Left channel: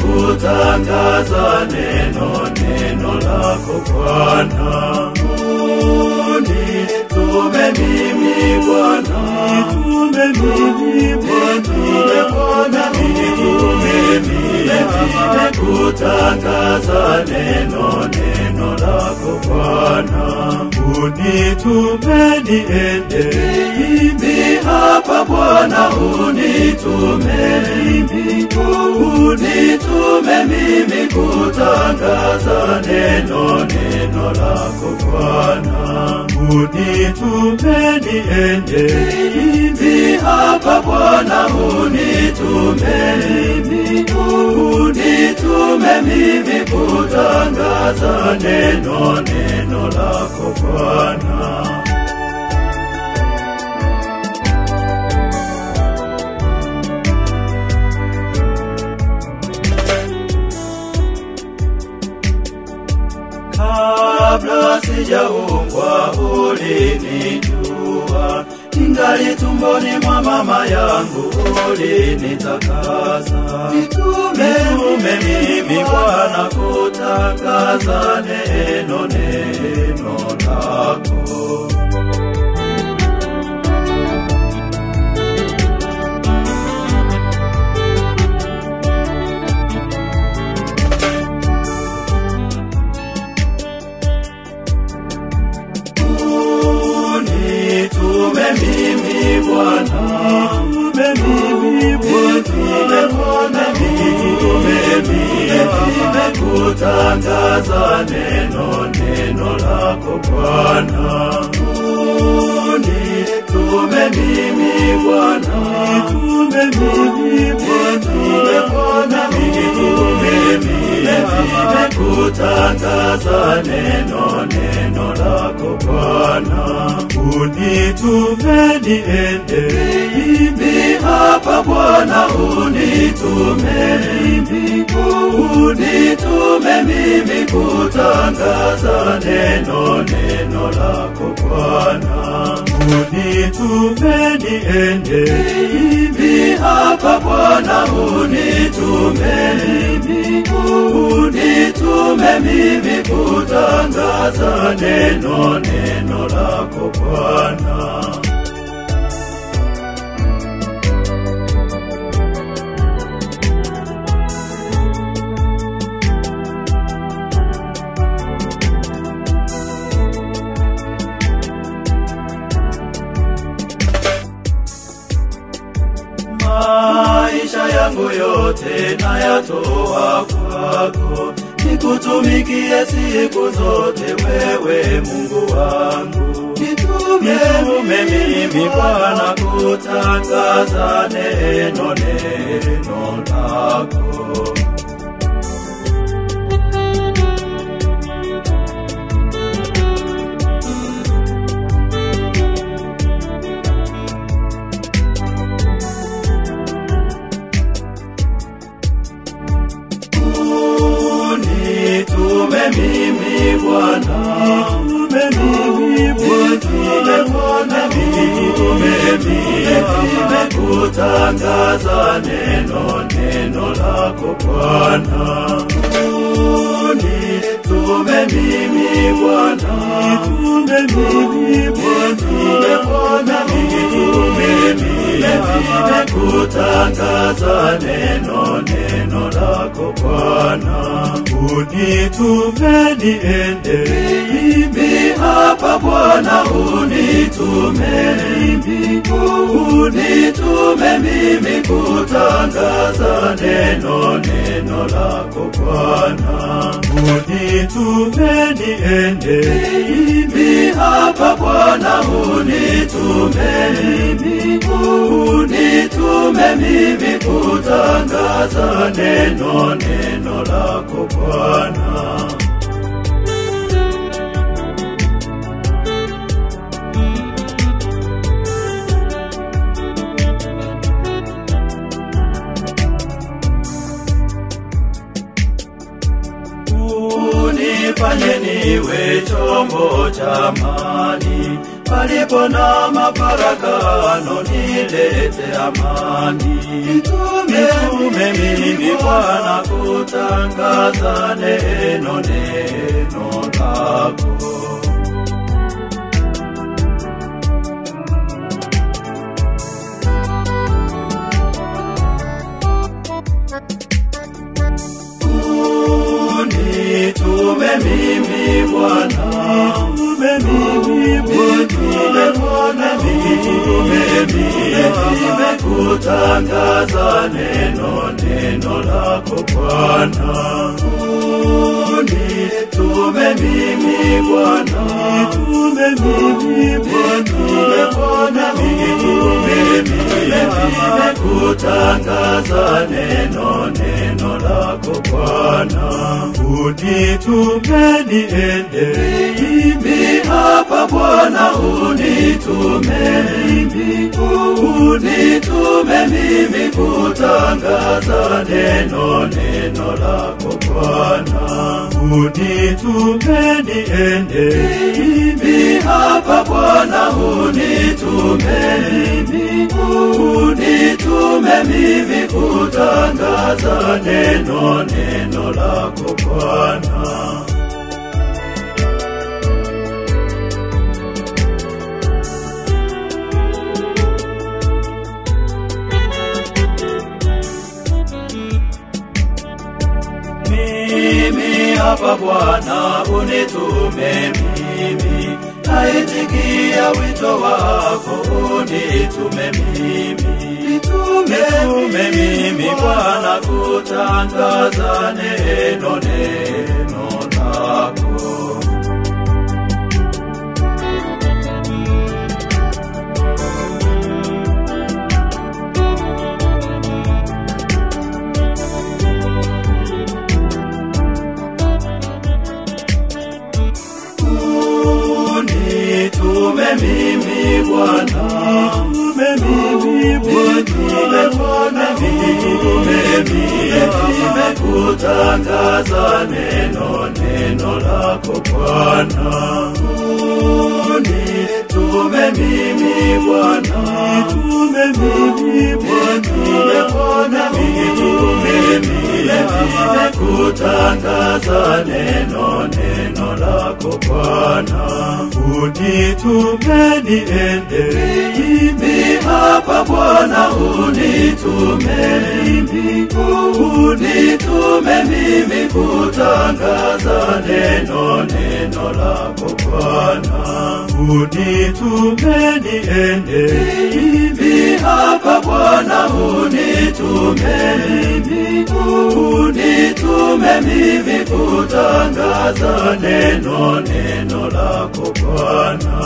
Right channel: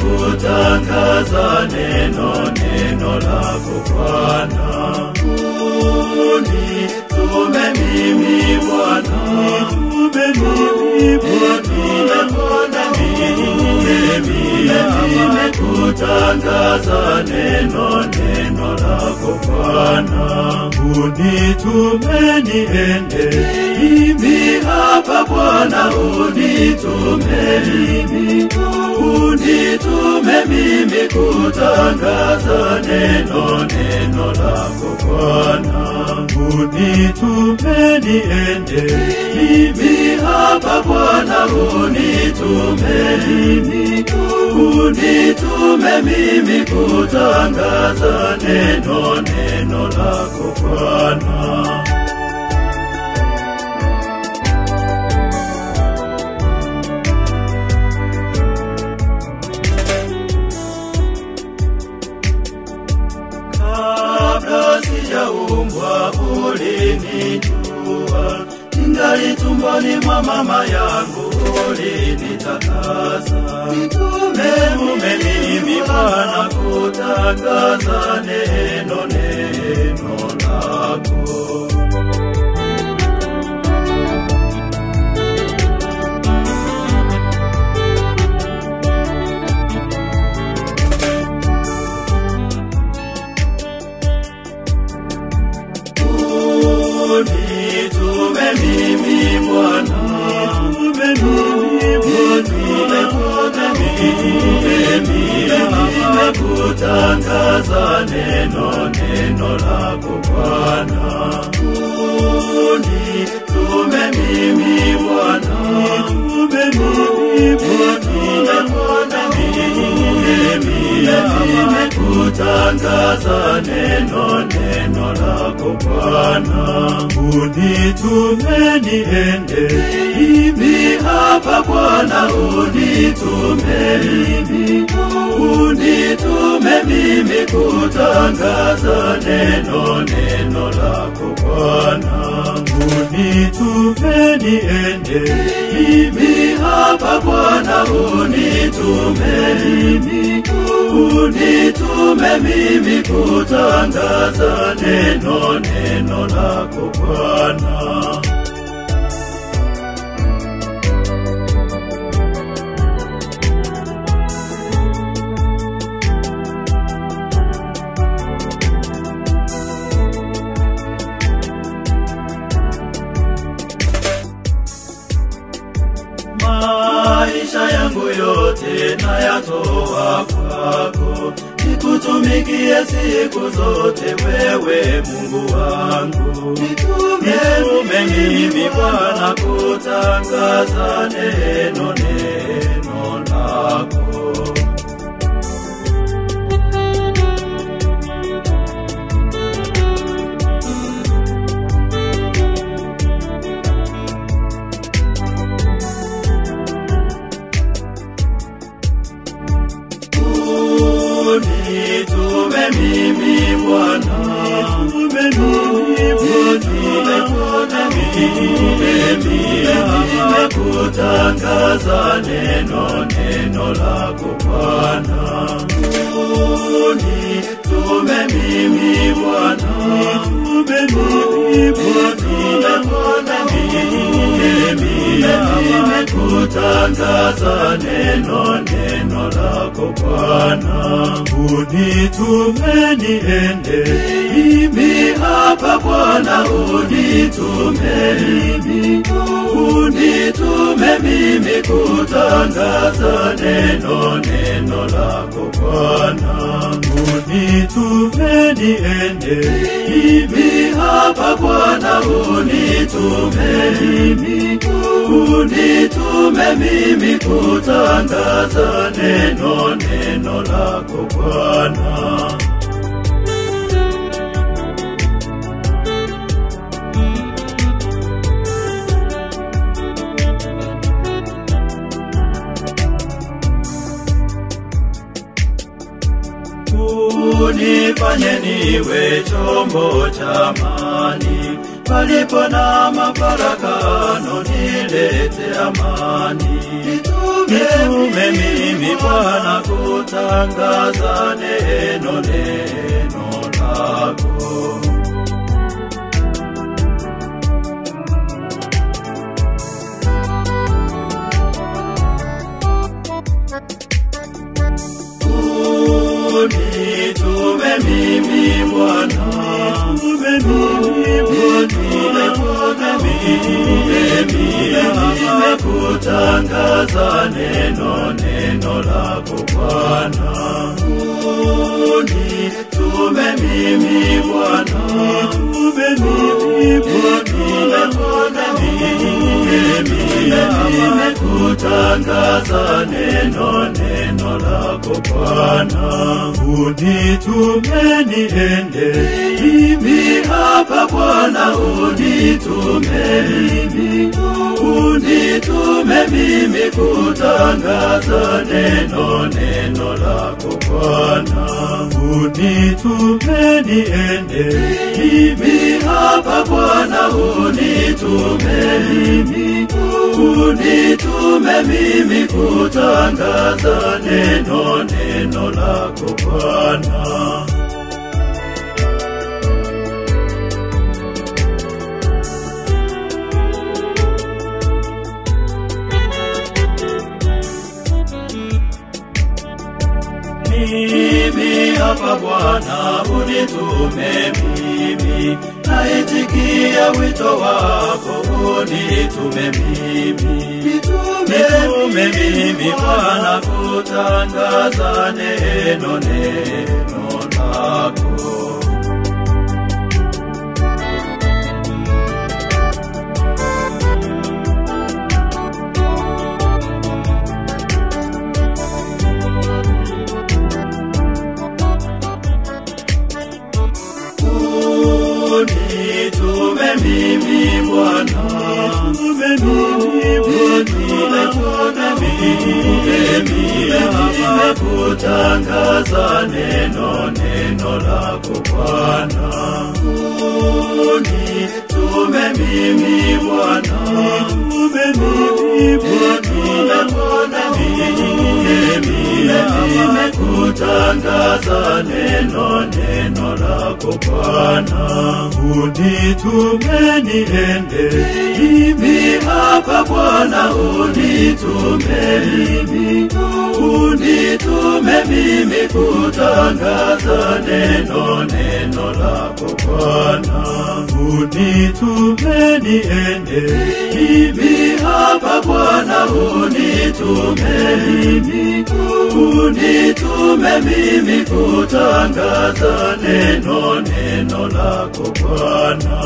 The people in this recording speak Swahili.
kutangaza neno lako Bwana. Unitume mimi Bwana, kutangaza neno lako Bwana. Unitume niende mimi hapa Bwana, unitume mimi kutangaza neno lako Bwana. Unitume niende mimi hapa Bwana, unitume mimi kutangaza neno lako Bwana. Kabla sijaumbwa ulinijua, ningali tumboni mwa mama yangu ulinitakasa. Nitume mimi Bwana kutangaza neno lako. Unitume mimi Bwana, kutangaza neno lako Bwana. Unitume mimi Bwana, kutangaza neno lako Bwana. Unitume niende mimi hapa Bwana, unitume mimi kutangaza neno lako Bwana. Unitume niende mimi hapa Bwana, unitume mimi kutangaza neno lako Bwana. Maisha yangu yote nayatoa kwako, nikutumikie siku zote wewe Mungu wangu. Nitume mimi Bwana kutangaza neno lako. Unitume mimi Bwana, kutangaza neno lako Bwana. Unitume mimi Bwana, kutangaza neno lako Bwana. Unitume niende mimi hapa Bwana, unitume mimi kutangaza neno lako Bwana. Unitume niende mimi hapa Bwana, unitume mimi kutangaza neno lako Bwana. Unifanye niwe chombo cha amani, palipo na mafarakano nilete amani. Nitume mimi Bwana, nitume mimi Bwana, nimekutangaza neno lako Bwana. Nitume mimi Bwana, nitume mimi Bwana, nimekutangaza neno lako Bwana. Unitume niende mimi hapa Bwana, unitume mimi kutangaza neno lako Bwana. Unitume niende mimi hapa Bwana, unitume mimi kutangaza neno lako Bwana. Hapa Bwana, unitume mimi, naitikia wito wako, unitume mimi Bwana, kutangaza neno lako. Unitume mimi Bwana, nimekutangaza neno lako Bwana. Unitume mimi Bwana, nimekutangaza neno lako Bwana. Unitume niende mimi hapa Bwana, unitume mimi kutangaza neno lako Bwana. Unitume niende mimi hapa Bwana, unitume mimi kutangaza neno lako Bwana.